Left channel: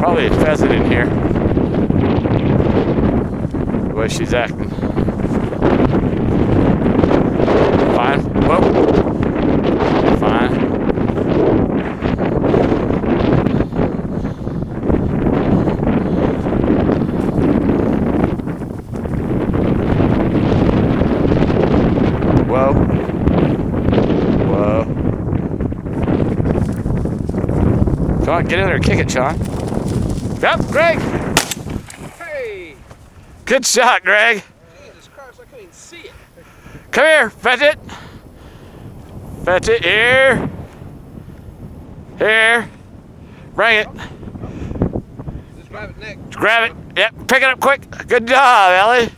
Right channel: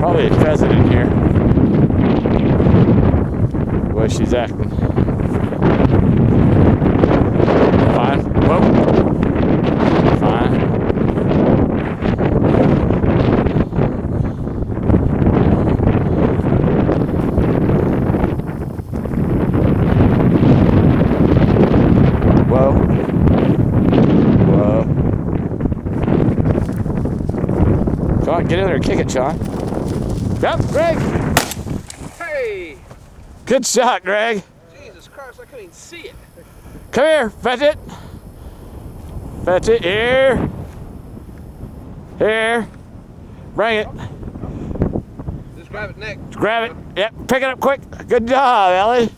Probably a pheasant in here. The way she's acting. Fine. Whoa. Fine. Whoa. Whoa. Come on, get in there and kick it, Sean. Yep, Greg. Hey! Good shot, Greg. Jesus Christ, I couldn't even see it. Come here, fetch it. Fetch it, here. Here. Bring it. Just grab it next. Grab it. Yep, pick it up quick. Good job, Ellie.